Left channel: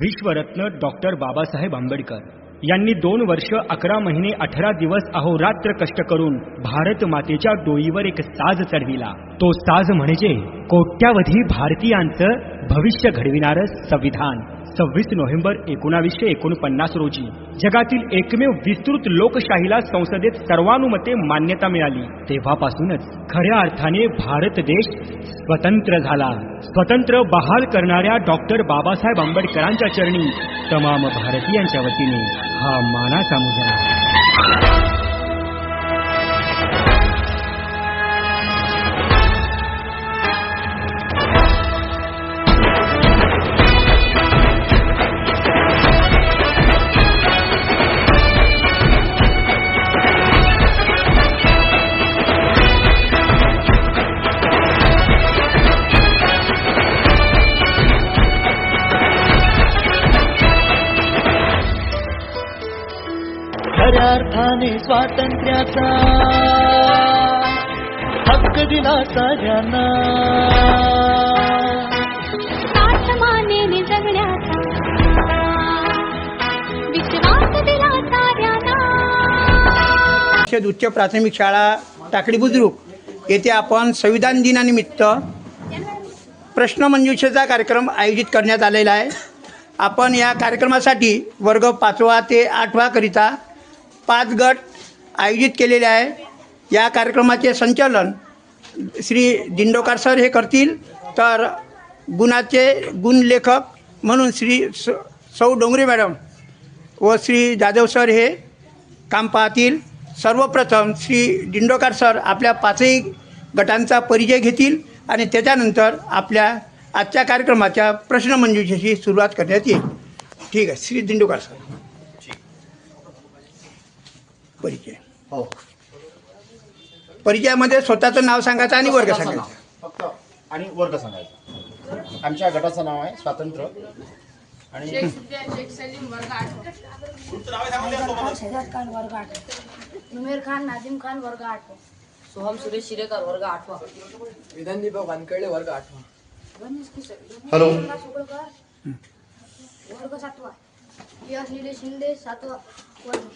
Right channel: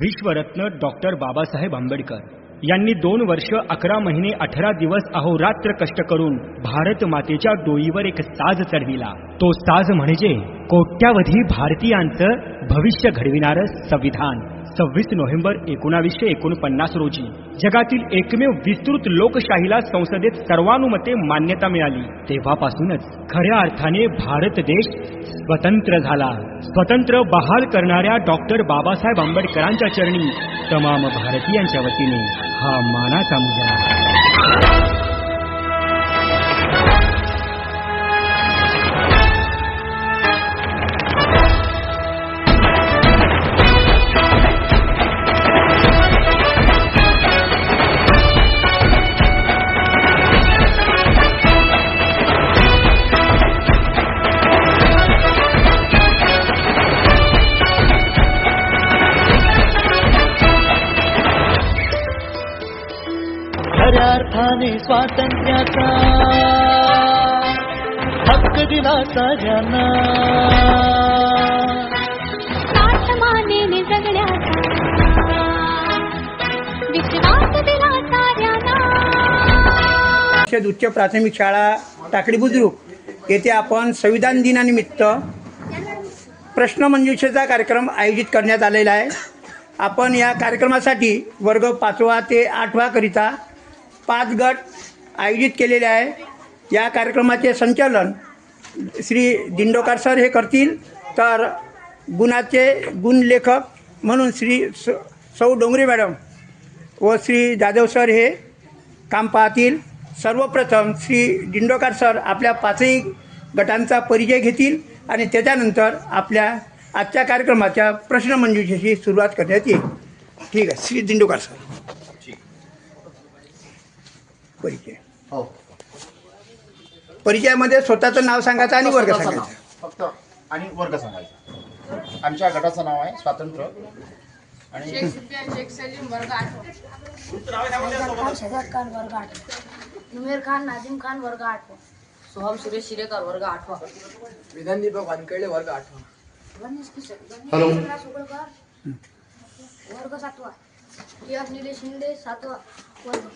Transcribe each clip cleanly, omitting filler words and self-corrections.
विश्वरत्न doctor Babasaheb Ambedkar यांनी 2 वर्ष 11 महिने 18 दिवस अहोरात्र कष्ट करून भारत मातेच्या डोईवर एक साज चढविला। तो साज म्हणजे कोट्यावधी भारतीयांचं भविष्य घडविणारं संविधान। 26 नोव्हेंबर 1949 रोजी जगातील एकमेव विस्तृत लोकशाहीला संसदेत सर्वानुमते मान्यता मिळाली। तेव्हापासूनच खऱ्या अर्थाने भारत देश स्वतंत्र झाला। स्वतंत्र बहाल करणाऱ्या डॉक्टर बाबासाहेब आंबेडकरांच्या चरणी तमाम भारतीयांच्या वतीने हा मानाचा मुजरा। खऱ्या अर्थाने स्वातंत्र्याचा हक्क दिला साऱ्यांना, आत्मानेने जगण्याचा विश्वास दिला साऱ्यांना। उच्च प्राथमिक शाळा टाकळी बुद्रुक येथे आपण संविधान दिनानिमित्त प्रश्नमंजुषेचा कार्यक्रम आयोजित करण्यात आलेला आहे। आपण या कार्यक्रमासाठी वर्ग 5वा ते 8वा करिता 5 गट आयोजित केलेले आहे। या कार्यक्रमाचे संचालन श्री दिंडोकर सर हे करतील, तर गुणलेखक म्हणून श्री सौ डोंगरे मॅडम व श्री जाधव सर हे काम पाहतील। सर्वप्रथम श्री दिंडोकर सर आपल्या 5ही गटांचा परिचय घेतील आणि त्याच्यानंतर आपल्या आजच्या कार्यक्रमाच्या प्रश्नमंजुषेची सुरुवात करण्यात येईल। ठीक आहे, श्री दिंडोकर सर परिचय। हो, परिचयामध्ये स्वतःचं नाव सांगायचं आणि वर्ग सांगायचा फक्त आणि वर्ग सांगायचा। आमच्या गटाचं नाव आहे स्वातंत्र्य आणि नुमेर खान नाजिम खान वर्ग 8, सोहम सुरेश शिरेकर वर्ग 8, विधान दीपक वानखेडे वर्ग 8, हॅलो वर्ग 7, यश निलेश शिंदे 7वा वर्ग,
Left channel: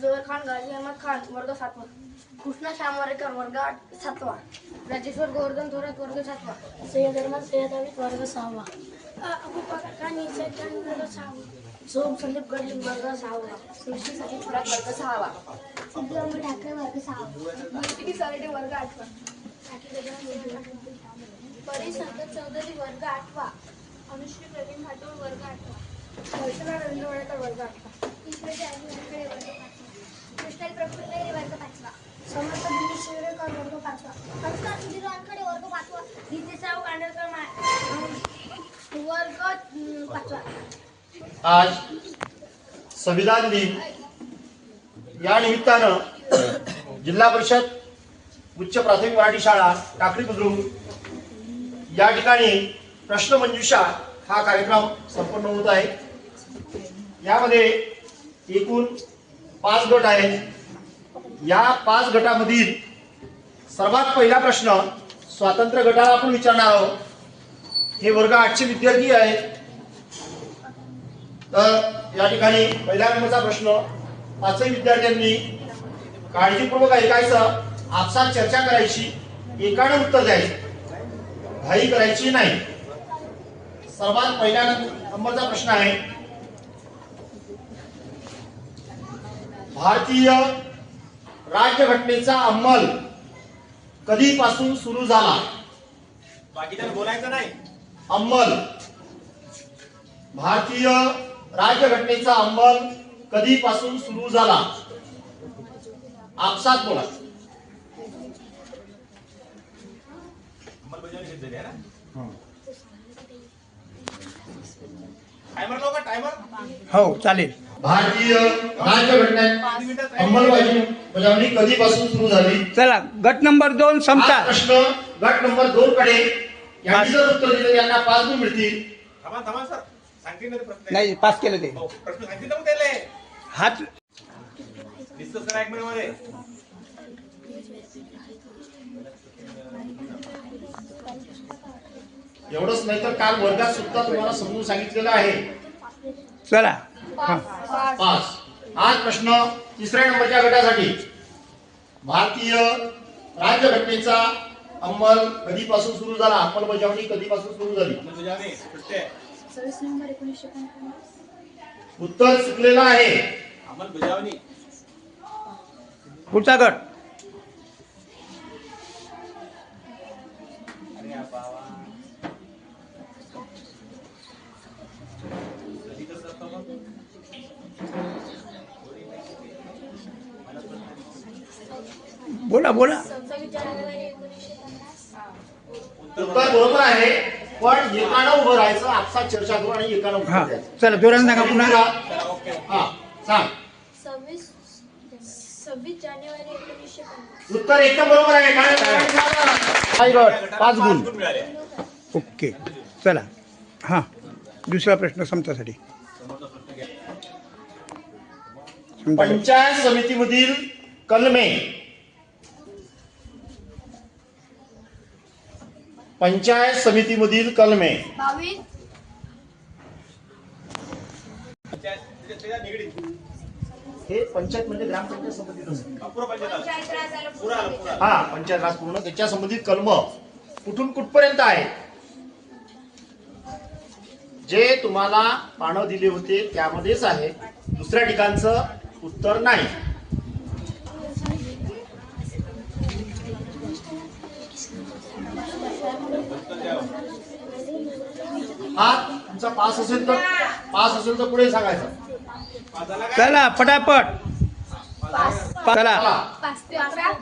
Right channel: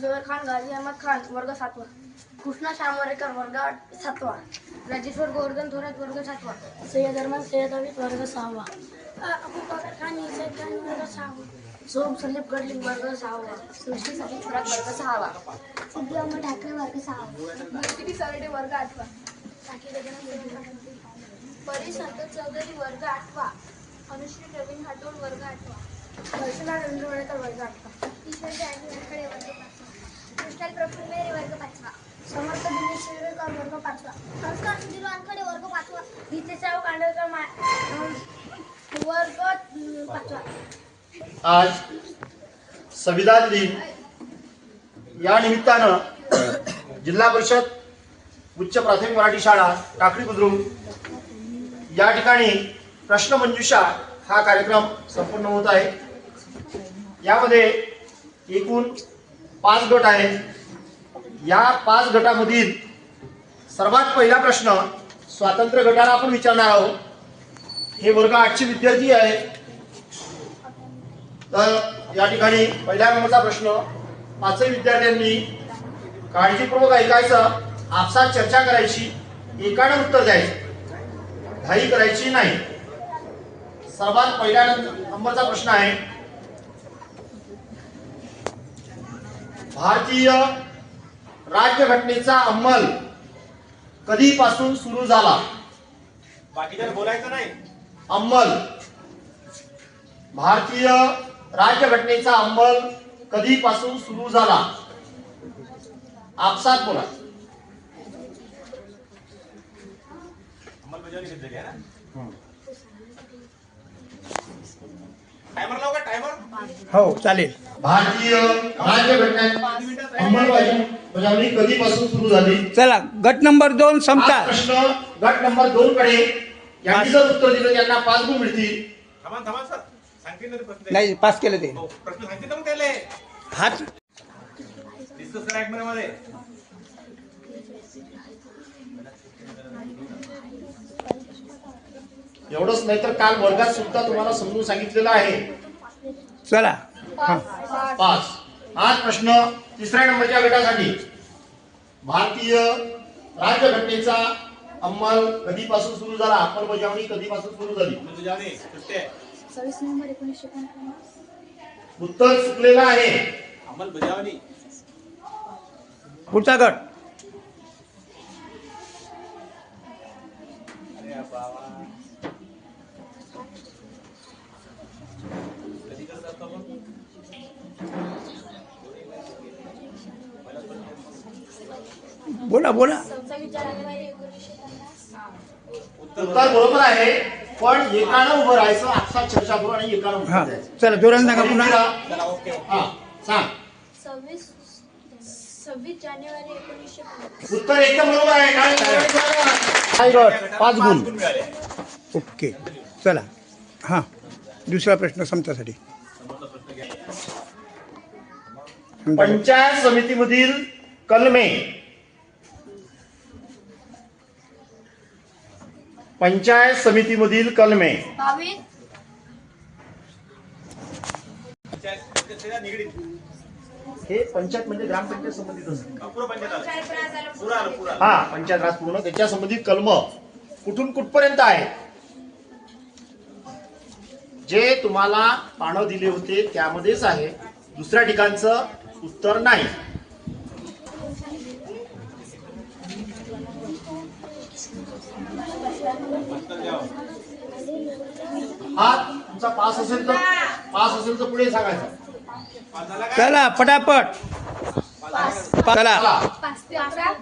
जोहर खान गाजी अहमद खान वर्ग 7, कृष्णा श्यामवरेकर वर्ग 7वा, राजेश्वर गोवर्धन थोरात वर्ग 7वा, सय्यद अरमान सय्यद अविद वर्ग 6वा, अबू बकर खान इसाद खान वर्ग 6वा, सोम संदीप गडलिंग वर्ग 6वा, सृष्टी सतीश थोरात वर्ग 6वा, सिद्धू अहमद ठाकरे वर्ग 6वा, भक्ती सरडे वर्ग 8वा, परी संतोष चौधरी वर्ग 8वा, अनुश्री प्रवीण हाटोळ वर्ग 8वा, वर्षला रवींद्र वडेकर वर्ग 8वा, ईश्वर जानी वानखेडे वर्ग 5वा, कृष्णाल प्रफुल्ल मेहरे वर्ग 5वा, समर्थ दिनेश शिवरेकर वर्ग 5वा, संस्कार सुधीर वानखेडे वर्ग 5वा, हितेशाह कांडरकर वर्ग 5वा। आज संविधान दिन या निमित्तानं जिल्हा परिषद उच्च प्राथमिक मराठी शाळा टाकळी बुद्रुक या ठिकाणी प्रश्नमंजुषा हा कार्यक्रम संपन्न होत आहे। यामध्ये एकूण 5 गट आहेत। या 5 गटामधील सर्वात पहिला प्रश्न स्वातंत्र्य गटाला आपण विचारणार आहोत। हे वर्ग 8चे विद्यार्थी आहेत। तर या ठिकाणी पहिल्या नंबरचा प्रश्न 5ही विद्यार्थ्यांनी काळजीपूर्वक ऐकायचं, आपसात चर्चा करायची, एकानं उत्तर द्यायचं, घाई करायची नाही। सर्वात पहिल्या नंबरचा प्रश्न आहे, भारतीय राज्यघटनेचा अंमल कधीपासून सुरू झाला? बाकीचं बोलायचं नाही। अंमल, भारतीय राज्यघटनेचा अंमल कधीपासून सुरू झाला? आपसात बोला। हो चालेल। भारतीय राज्यघटनेची अंमलबजावणी कधीपासून सुरू झाली? चला, गट नंबर 2 संपता। प्रश्न गट नंबर 2 कडे यांनी जर उत्तर दिलं त्यांना 5 गुण मिळतील। नाही, पास केलं ते हात एवढंच नाही तर काल वर्गात सुद्धा तुम्हाला समजून सांगितलेलं आहे. चला हां 5. आज प्रश्न 3ऱ्या नंबरच्या गटासाठी. भारतीय राज्यघटनेचा अंमल कधीपासून सुरू झाला? अंमलबजावणी कधीपासून सुरू झाली? 26 नोव्हेंबर 1949. उत्तर चुकलेलं आहे. पुढचा गट. बोला बोला. 26 जानेवारी 1950. उत्तर बरोबर आहे, पण एकानं उभं राहायचं. आपसात चर्चा करून आणि एकानं हां उत्तर द्यायचं. चला जोरानं सांगा पुन्हा. हा सांग. 26 जानेवारी 1950. उत्तर एकदम बरोबर आहे. काय गट? 5 गुण. ओके चला हां दुसरा प्रश्न समतासाठी. पंचायत समितीमधील कलमे. पंचायत समितीमधील कलमे. 22. हे पंचायत म्हणजे ग्रामपंचायत संबंधित असते. हा पंचायत राज पूर्ण त्याच्या संबंधित कलम कुठून कुठपर्यंत आहे? जे तुम्हाला पानं दिले होते त्यामध्येच आहे. दुसऱ्या ठिकाणचं उत्तर नाही. हा तुमचा पास असेल तर पुढे सांगायचं. चला पटापट. चला 5 ते 11.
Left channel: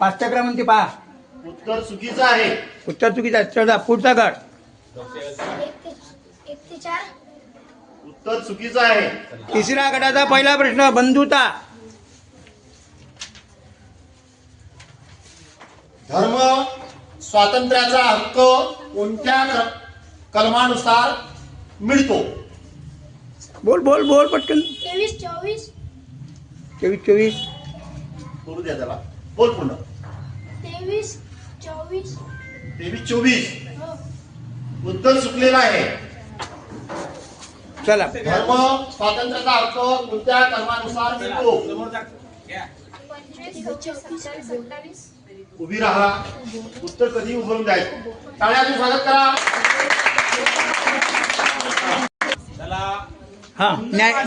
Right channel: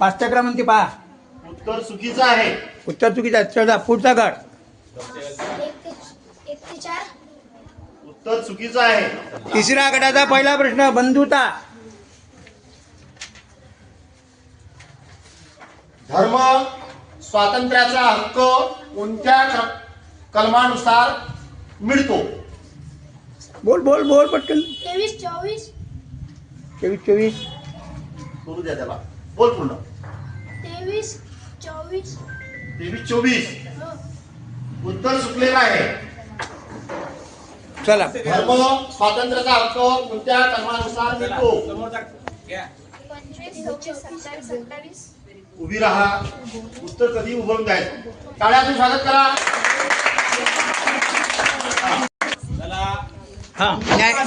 5च्या क्रमांकी पहा. उत्तर चुकीचं आहे. उत्तर चुकीचं आहे. चला पुढचा गट. 1 ते 4. उत्तर चुकीचं आहे. तिसऱ्या गटाचा पहिला प्रश्न बंधुता. धर्म स्वातंत्र्याचा हक्क कोणत्या कलमानुसार मिळतो? बोल बोल बोल पटकन. 23 24. 24 करू द्या त्याला. बोल पुन्हा. 23 24. 23-24. उत्तर चुकलेलं आहे. चला धर्म स्वातंत्र्याचा हक्क कोणत्या कलमानुसार मिळतो? 25 26 27 28. उभी राहा. उत्तर कधी उभारून द्यायचं. टाळ्यातून स्वागत करा. हां न्याय हां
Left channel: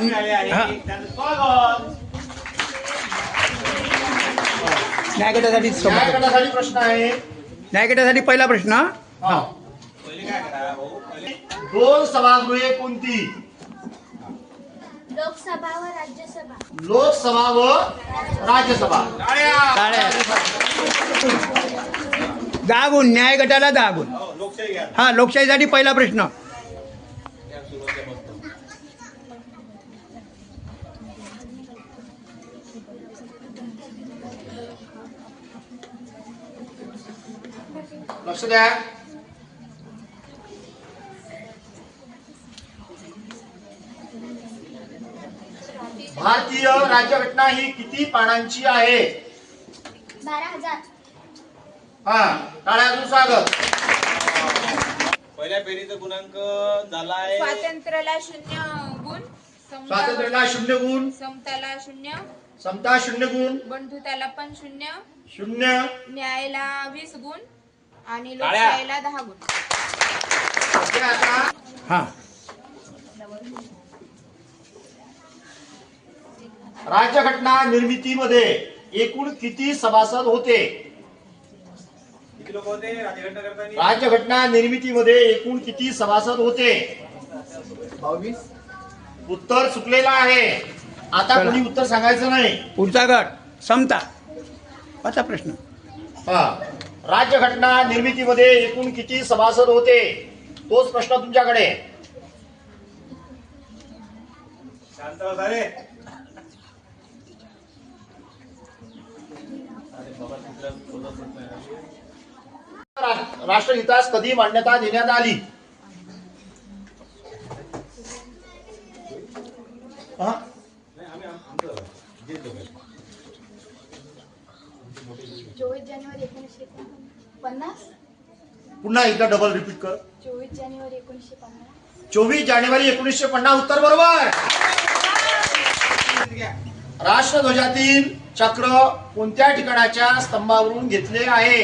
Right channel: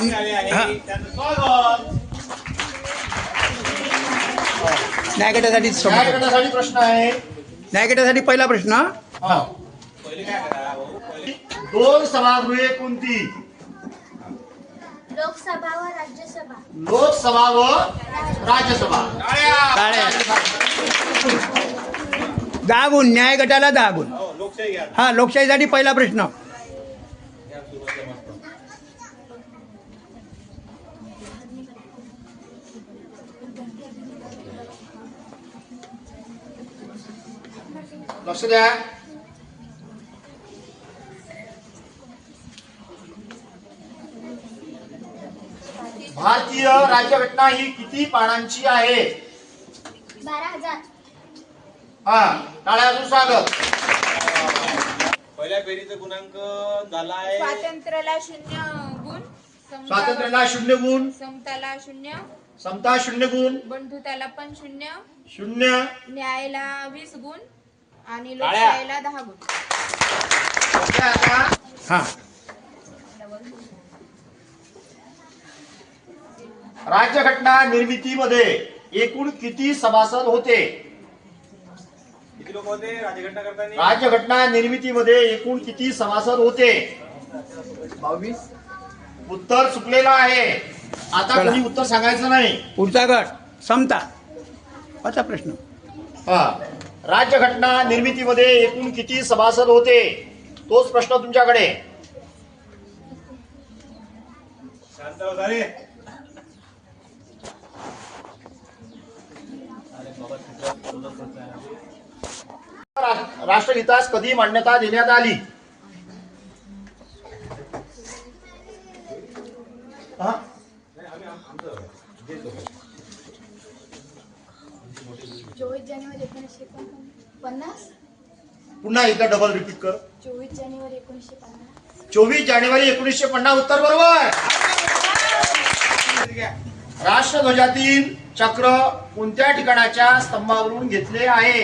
न्याय गटासाठी न्याय गटासाठी प्रश्न आहे. न्याय गटासाठी पहिला प्रश्न. हां 2 सभागृहे कोणती? लोकसभा व राज्यसभा. लोकसभा व राज्यसभा. टाळ्या. 10 गुण. न्याय गटाला 10 गुण. हा लोकशाहीसाठी पहिला प्रश्न. लक्ष द्या. भारतीय राज्यघटना ही किती पानांची आहे? 12,000. हा टाळ्यातून स्वागत. पहिल्या फेरीचा गुणांक झालाय. स्वातंत्र्याला 0 गुण. स्वातंत्र्याला 0 गुण. समताला 0. समता 0 गुण. बंधुताला पण 0. 0. न्यायाला 20 गुण आणि लोकशाहीला 10 गुण. हां राज्यघटना निर्मितीमध्ये एकूण किती सभासद होते? किती लोक होते राज्यघटना करताना? राज्यघटना निर्मितीमध्ये एकूण किती सभासद होते? 22. उत्तर चुकलेलं आहे. आता चला. कोणी उत्तर सांगायचं नाही. पुढचा गट समता. पाचवा प्रश्न. हा राज्यघटना निर्मितीमध्ये एकूण किती सभासद होते? तोच प्रश्न तुमच्याकडे. शांत बसा रे. राष्ट्रहितास कधी मान्यता देण्यात आली? हा? 24 जानेवारी 1949. पुन्हा एकदा डबल रिपीट कर. 24 जानेवारी 1950. 24 जानेवारी 1950 उत्तर बरोबर. राष्ट्रध्वजातील चक्र कोणत्या ठिकाणाच्या स्तंभावरून घेतले आहे?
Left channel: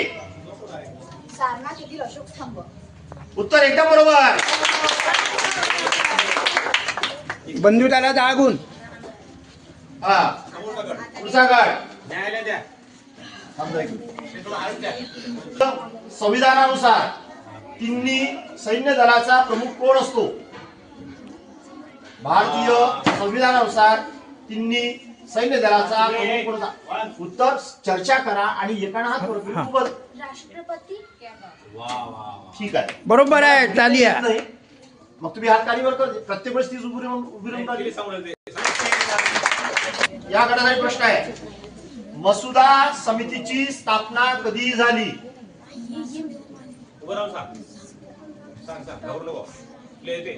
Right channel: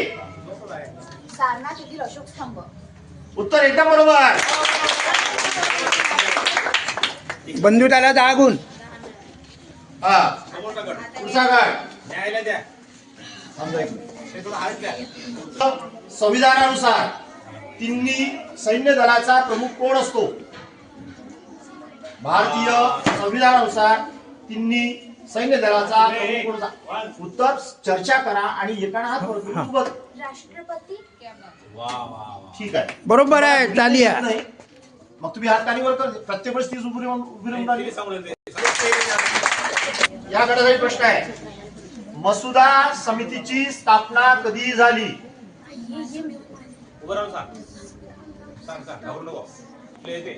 सारनाथ येथील अशोक स्तंभ. उत्तर एकदम बरोबर. बंधुताला 10 गुण. हा पुढचा गट. न्यायालय द्या. संविधानानुसार तिन्ही सैन्य दलाचा प्रमुख कोण असतो? भारतीय संविधानानुसार तिन्ही सैन्य दलाचा प्रमुख कोण असतो? उत्तर चर्चा करा आणि एकाना हात वर करून बोल. राष्ट्रपती. ठीक आहे, बरोबर आहे. तालिया. नाही मग तुम्ही हात खाली वर कर. प्रत्येक वेळेस 30 उभी राहून राहिली. या गटाचा प्रश्न आहे, मसुदा समितीची स्थापना कधी झाली? उभं राहून सांग. सांग घाबरू नको. प्ले ते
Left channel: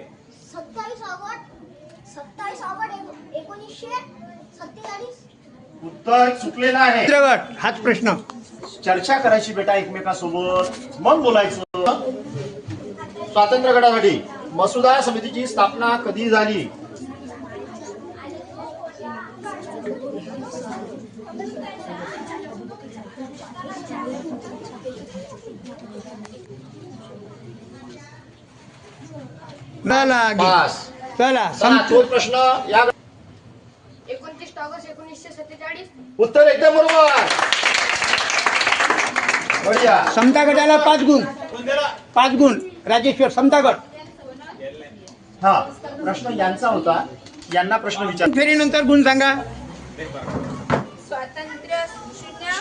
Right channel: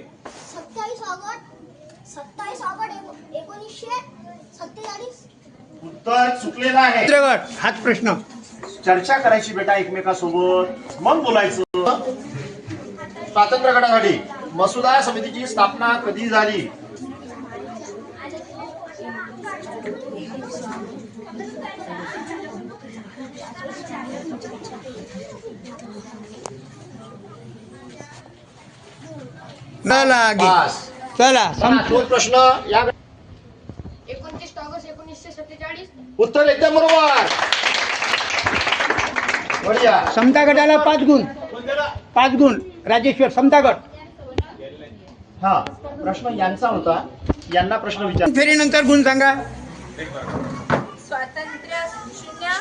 27 ऑगस्ट 1947. उत्तर चुकलेलं आहे. चित्रगट हाच प्रश्न. चर्चा करायची बेटा एकमेकांसोबत, मग बोलायचं. स्वातंत्र्य गटासाठी मसुदा समितीची स्थापना कधी झाली? पास. चला चला, तोच प्रश्न. या 29 ऑगस्ट 1947. उत्तर एकदम बरोबर. बढिया. समता गटाला 5 गुण. 5 गुण. राजेश्वर समता गट. हा प्रश्न यांचा होता, यांना प्रश्न विचार. फेरीनंतर गुण सांगा. स्वातंत्र्य 0,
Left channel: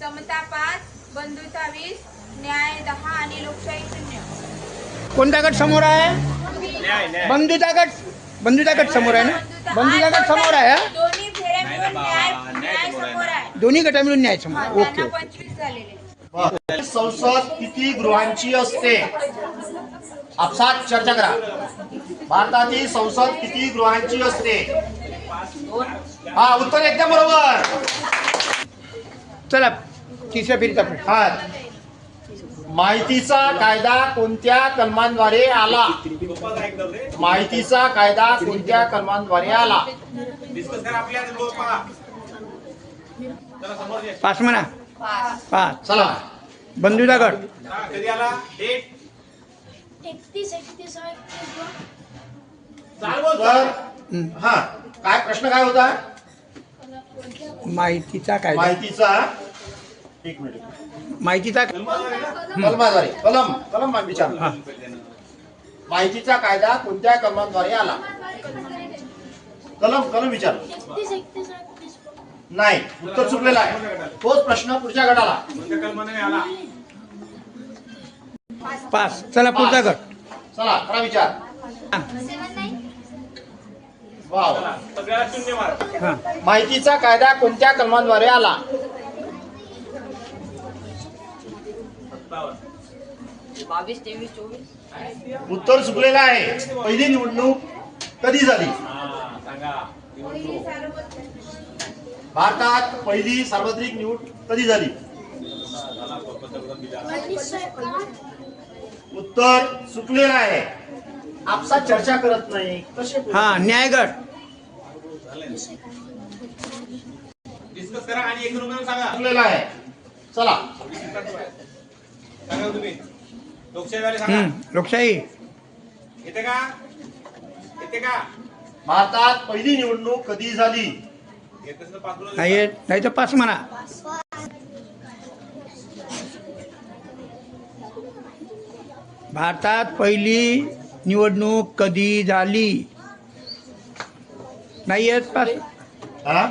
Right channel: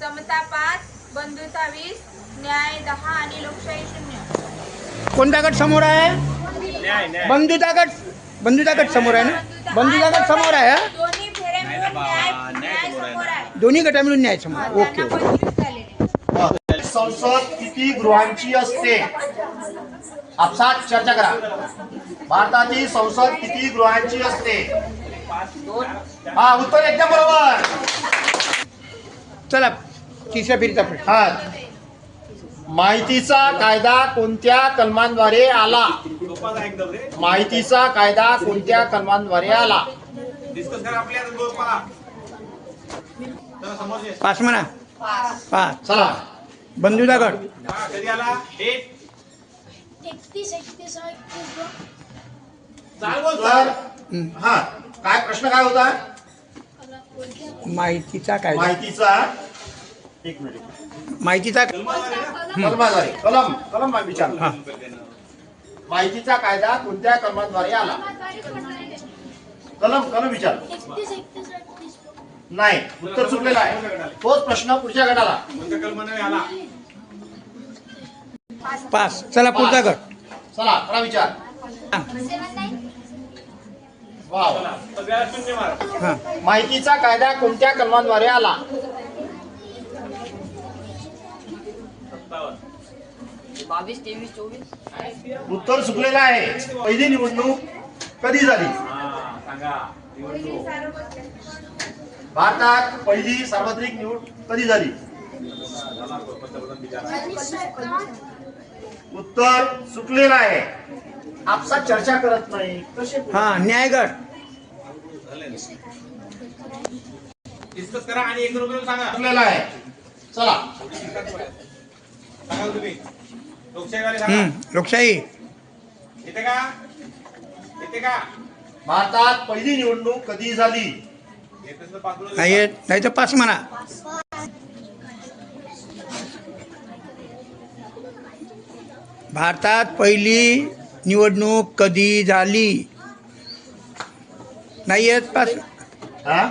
समता 5, बंधुता 20, न्याय 10 आणि लोकशाही 0. कोणता गट समोर आहे? न्याय न्याय. बंधुता गट समोर आहे ना? बंधुता गट समोर आहे हा? दोन्ही फेऱ्या मिळून न्याय समोर आहे. दोन्ही गटा मिळून न्याय समोर. ओके त्यांना ओके. 25 झालेले. संसद किती गृहांची असते? आपसात चर्चा करा. भारताची संसद किती गृहांची असते? हा उत्तर एकदम बरोबर. चला तिसऱ्या फेरीचा प्रश्न. हा माहितीचा कायदा कोणत्या कलमांद्वारे आला? लोकांना एकदम रे. माहितीचा कायदा कोणत्या कलमांद्वारे आला? डिस्कस करा आपल्या लोक पहा. चला समोर ये. 5 म्हणा. 5. चला. बंधुता गट. हा, कधी आला? डेट 31 चाल बोल तर चाल. हा काय प्रश्न काय होता? माहितीचा कायदा. माहितीचा एक मिनिट. माहितीचा कलमाद्वारे कलम विचार. हा. माहितीचा कायदा कोणत्या कलमाद्वारे आला? कलम विचार. 31 नाही, उत्तर चुकलेलं आहे. तोच प्रश्न पुढच्या गटाला. कोणत्या कलमाने आला? 5. चला पुढचा गट. चला मला विचार. वा वा. चला सगळ्याला 0 मार्क. हा. माहितीचा कायदा कोणत्या कलमाद्वारे आला? 22, 23, 24. उत्तर चुकलेलं आहे. पहिली निवडणूक कधी झाली? हा सांगा. निवडणूक. भारतात पहिली सार्वत्रिक निवडणूक कधी झाली? झाला पंतप्रधान बिचारा. 1951. उत्तर चुकलेलं आहे. आपसात चर्चा करत नाही कसे बोलू? हा न्याय गट. डिस्कस करा आणि एक रुपये सांगा. चुकलेलं आहे. चला सांगा तुम्ही. लोकशाहीवाले सांगा. लोकशाही. येते का? येते का? भारतात पहिली निवडणूक कधी झाली? येत असेल तर 5 किलो नाही येत. नाही तर 5 म्हणा. भारतात पहिली निवडणूक कधी झाली? नाही येत. 5 हा?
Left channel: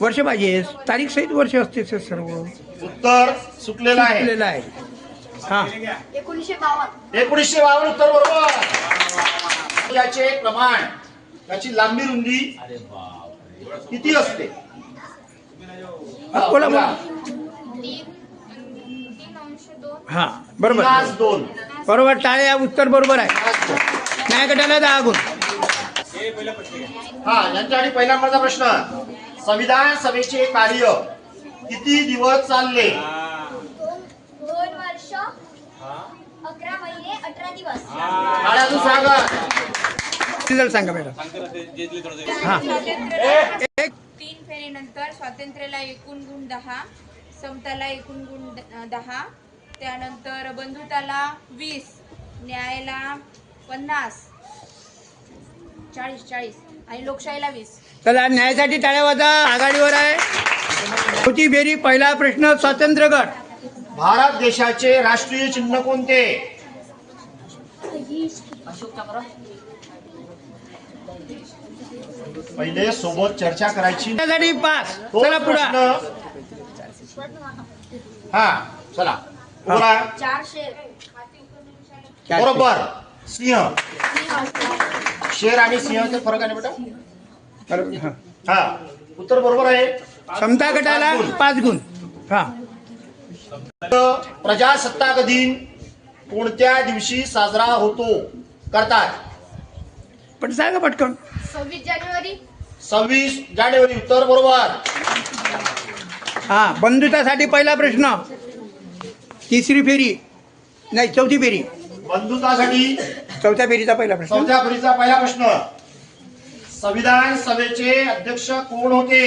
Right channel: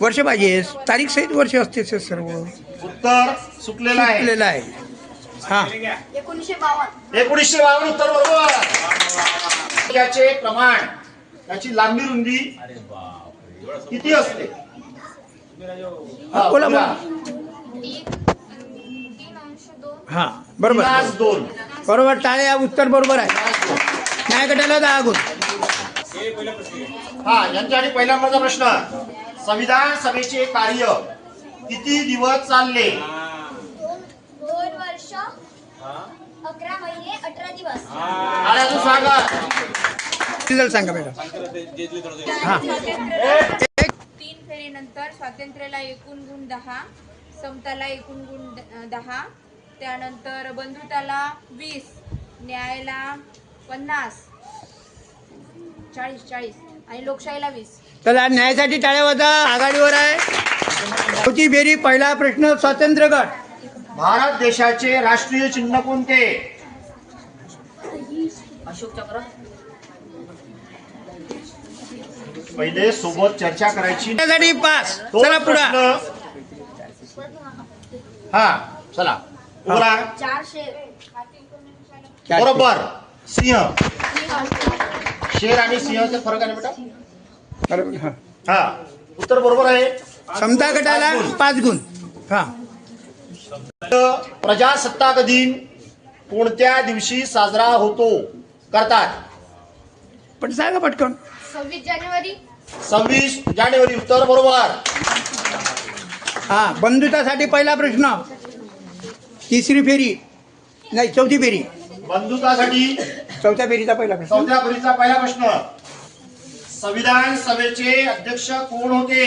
वर्ष पाहिजे. तारीख सहित वर्ष असते ते सर्व. उत्तर चुकलेलं आहे. चुकलेलं आहे. हा. 1952. 1952 उत्तर बरोबर. याचे प्रमाण, याची लांबी रुंदी किती असते? हा, बोला बोला. 3:2. हा बरोबर 2. बरोबर. टाळ्या. उत्तर बरोबर आहे. न्याय गटाला 10 गुण. हे पहिला प्रश्न घ्या. हा यांच्यासाठी पहिला नंबरचा प्रश्न. संविधान सभेचे कार्य किती दिवस चालले? 2 वर्ष 11 महिने 18 दिवस. टाळ्याचं स्वागत. रिझल्ट सांगा मॅडम. हा. स्वातंत्र्य 3 फेरीनंतर स्वातंत्र्याला एकूण गुण 10, समताला एकूण गुण 10, त्यानंतर बंधुताला 20, न्यायाला 50, 40 आणि लोकशाहीला 20. चला न्यायासाठी टाळ्या वाजा. आघाडीवर आहे. चौथी फेरी पहिला प्रश्न स्वातंत्र्य गट. भारत देशाचे राष्ट्रीय चिन्ह कोणते? पहिले सोबत चर्चा करायची. त्यासाठी पास. तो चला पुढे. प्रश्न. हा चला बोला. 4 शेर. बरोबर. सिंह. शेर आणि सिंहचा फरक आहे बेटा. हा उत्तर बरोबर आहे. समता गटाला 5 गुण. हा. प्रजासत्ताक दिन कोणत्या दिवशी साजरा होतो करतात? पण सांगा पटकन. 26 जानेवारी. 26 जानेवारी. उत्तर बरोबर. हा. बंधुतासाठी पहिला प्रश्न. तिसरी फेरी नाही चौथी फेरी. बंधुतासाठी चौथ्या फेरीचा पहिला प्रश्न. चौथ्या फेरीचा पहिला प्रश्न. संविधान सभेचे अध्यक्ष कोण होते?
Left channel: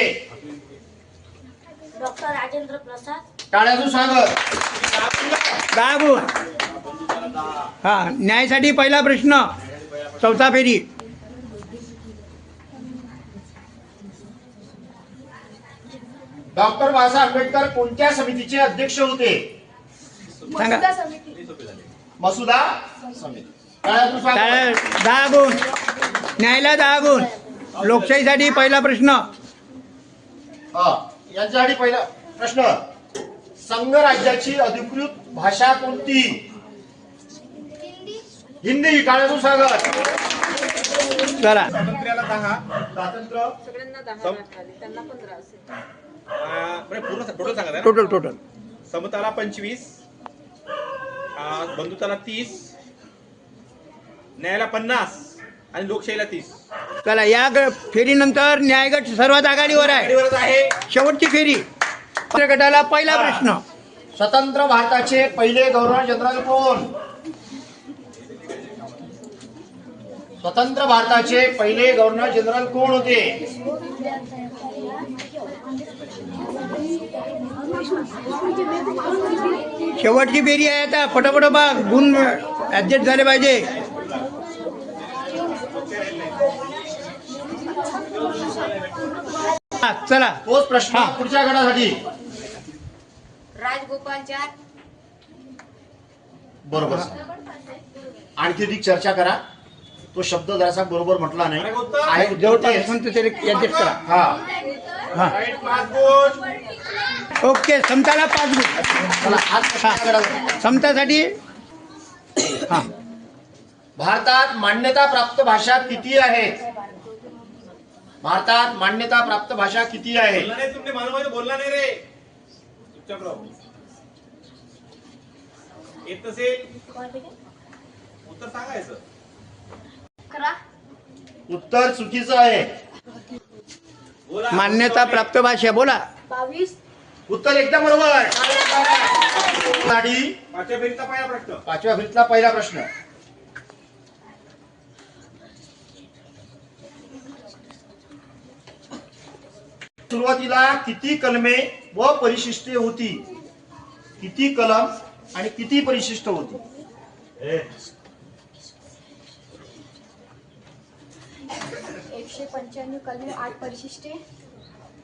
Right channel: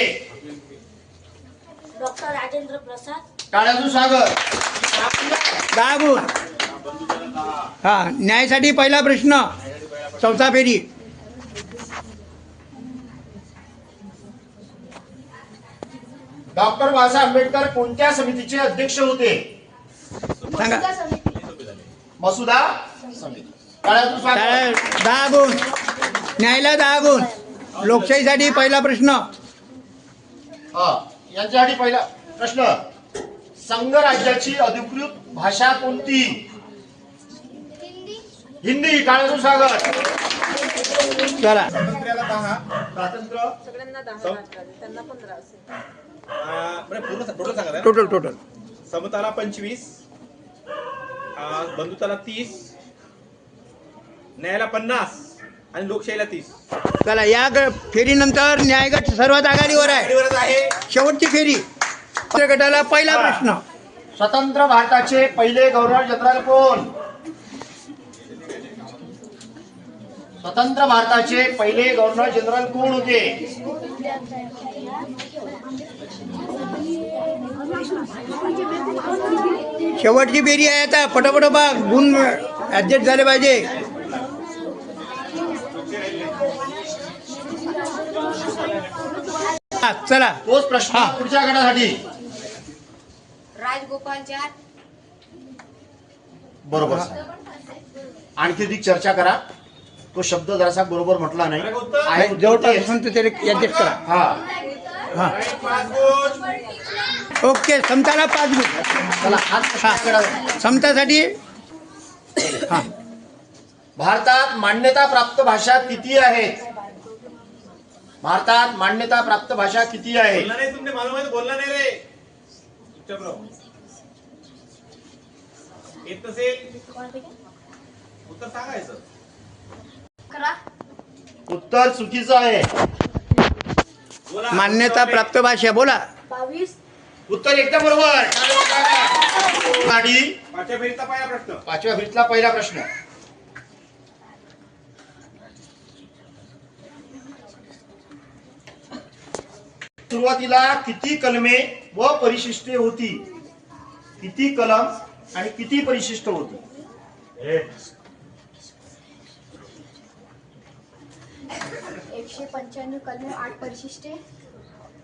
डॉक्टर राजेंद्र प्रसाद. टाळ्याचं स्वागत. 10 गुण. हा. न्यायासाठी पहिला प्रश्न. चौथा फेरी. डॉक्टर बाबासाहेब आंबेडकर कोणत्या समितीचे अध्यक्ष होते? सांगा. मसुदा समिती. टाळ्याचं स्वागत. 10 गुण. न्यायाला 10 गुण. लोकशाहीसाठी पहिला प्रश्न. यांच्यासाठी पहिला प्रश्न. संघराज्याची अधिकृत भाषा कोणती? हिंदी. टाळ्याचं स्वागत. चला. स्वातंत्र्याला 10, स्वातंत्र्य पूर्ण टोटल सांगा ना. टोटल समताला 25, बंधुताला 30, न्यायाला 50 आणि लोकशाहीला 30. चला. या फेरीनंतर न्यायगट सर्वात आघाडीवर आहे. शेवटची फेरी. गटाला पहिला प्रश्न. स्वतंत्र भारताचे पहिले गव्हर्नर जनरल कोण? स्वतंत्र भारताचे पहिले गव्हर्नर जनरल कोण होते? शेवटची फेरी आहे. आता पटापट बा. गुण ऍडजस्ट झाले पाहिजे. चला. तोच प्रश्न पुढच्या गटासाठी. राजगोपालचार. बरोबर. आणखी अधिक चर्चा करा. तो शब्द जरासा बरोबर म्हटला नाही. जवळपास असेल तर त्याला ऍडजस्ट करा. हा. ओके. समताला 5 गुण. चला, आज प्रश्न करा. समतासाठी. हा. भारतात मान्यता प्राप्त भाषा किती आहेत? भारतात मान्यता प्राप्त भाषा किती आहे? तुमने मालूम आहे बोलला नाही रे. चुपचाप राहू. येत नसेल उत्तर सांगायचं. उत्तर चुकीचं आहे. मान्यता प्राप्त भाषा बोला. 22. उत्तर एकदम बरोबर. गाडी. पाचव्या फेरीचा पहिला प्रश्न. 5व्या फेरीतला पहिला प्रश्न. सुरुवातीला किती कलमे व परिशिष्टे होती? किती कलम आणि किती परिशिष्ट होती? 195 कलमे 8 परिशिष्टे.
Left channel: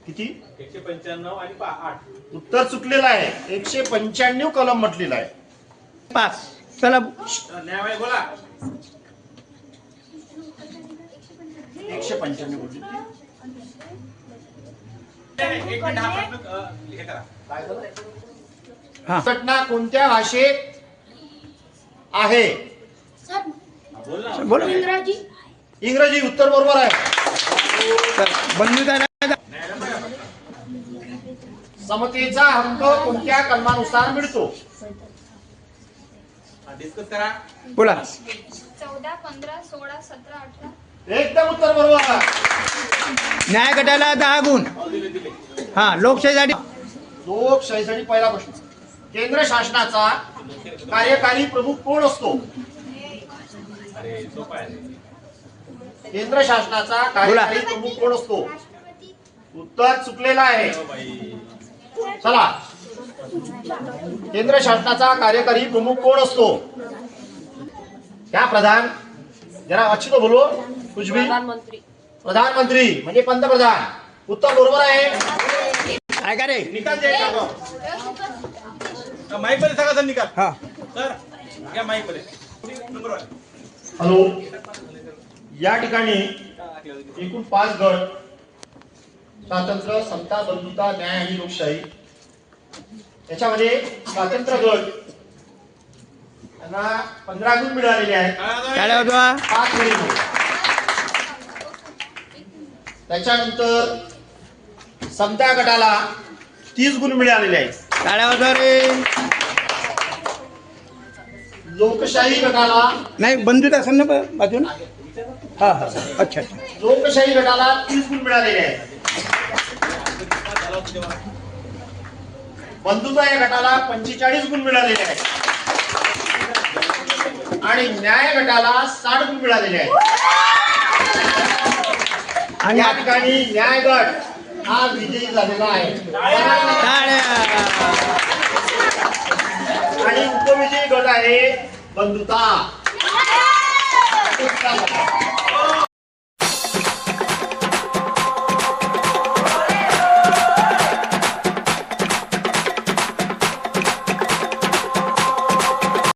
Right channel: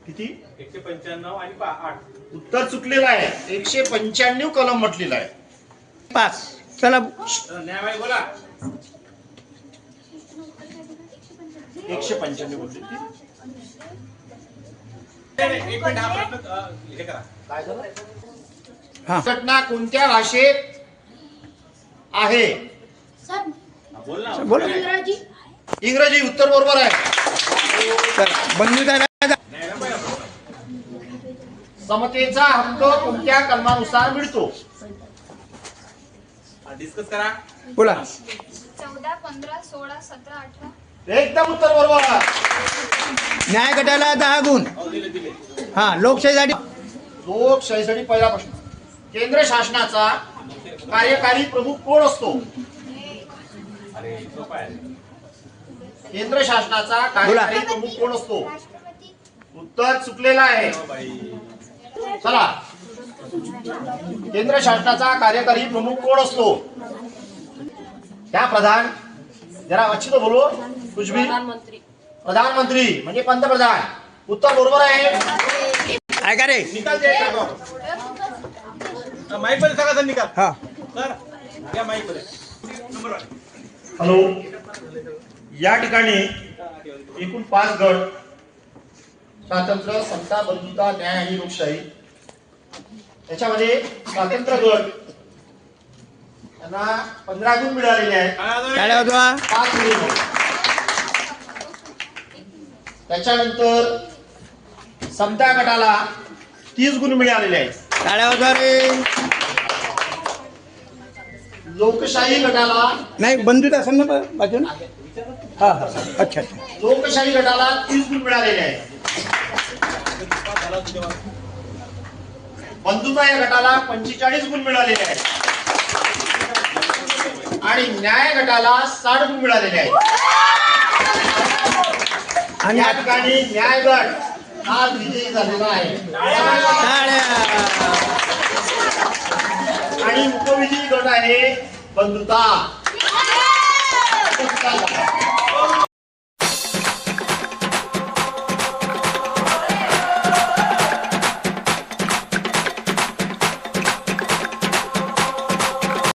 किती? 195 आणि 8. उत्तर चुकलेलं आहे. 195 कलम म्हटलेलं आहे. 5. चला. न्यायालय बोला. 195 म्हटली. एक मिनिट हा प्रश्न हे करा. काय झालं? हा. घटना कोणत्या भाषेत आहे? बोल ना. बोला. इंग्रजी. उत्तर बरोबर आहे. बंधुता. समतेचा हक्क कोणत्या कलमानुसार मिळतो? डिस्कस करा. बोला. 14, 15, 16, 17, 18. एकदम उत्तर बरोबर आहे. न्याय गटाला 10 गुण. हा. लोकशाहीसाठी. लोकशाहीसाठी पहिला प्रश्न. केंद्र शासनाचा कार्यकारी प्रमुख कोण असतो? केंद्र शासनाचा कार्यकारी प्रमुख कोण असतो? उत्तर चुकलेलं आहे. चला, केंद्र शासनाचा कार्यकारी प्रमुख कोण असतो? क्या प्रधान? जरा अच्छी तो बोलो. कुछ भी. प्रधानमंत्री म्हणजे पंतप्रधान. उत्तर बरोबर आहे. ऐका रे. निकाल दे. माईक मध्ये सांगा सर निकाल. हा. सर या माईक मध्ये. हॅलो. या ठिकाणी एकूण 5 गट, स्वातंत्र्य, समता, बंधुता, न्याय आणि लोकशाही. याच्यामध्ये स्वातंत्र्य गट यांना 15 गुण मिळालेले आहेत. टाळ्या वाजवा. 5 मिनिट. त्याच्यानंतर समता गटाला 30 गुण मिळालेले आहेत. टाळ्या वाजवा रे. लोकशाही गटाला नाही बंधुता असेल ना बाजून. हा हा. अच्छा अच्छा. लोकशाही गटाला 30 गुण मिळालेले आहेत. बंधुता या गटाला 45 गुण मिळालेले आहेत आणि न्याय गटाला 60 गुण मिळालेले आहेत. आणि या ठिकाणी न्याय गट हा विजयी झालेला आहे. आणि उपविजयी गट आहे बंधुता.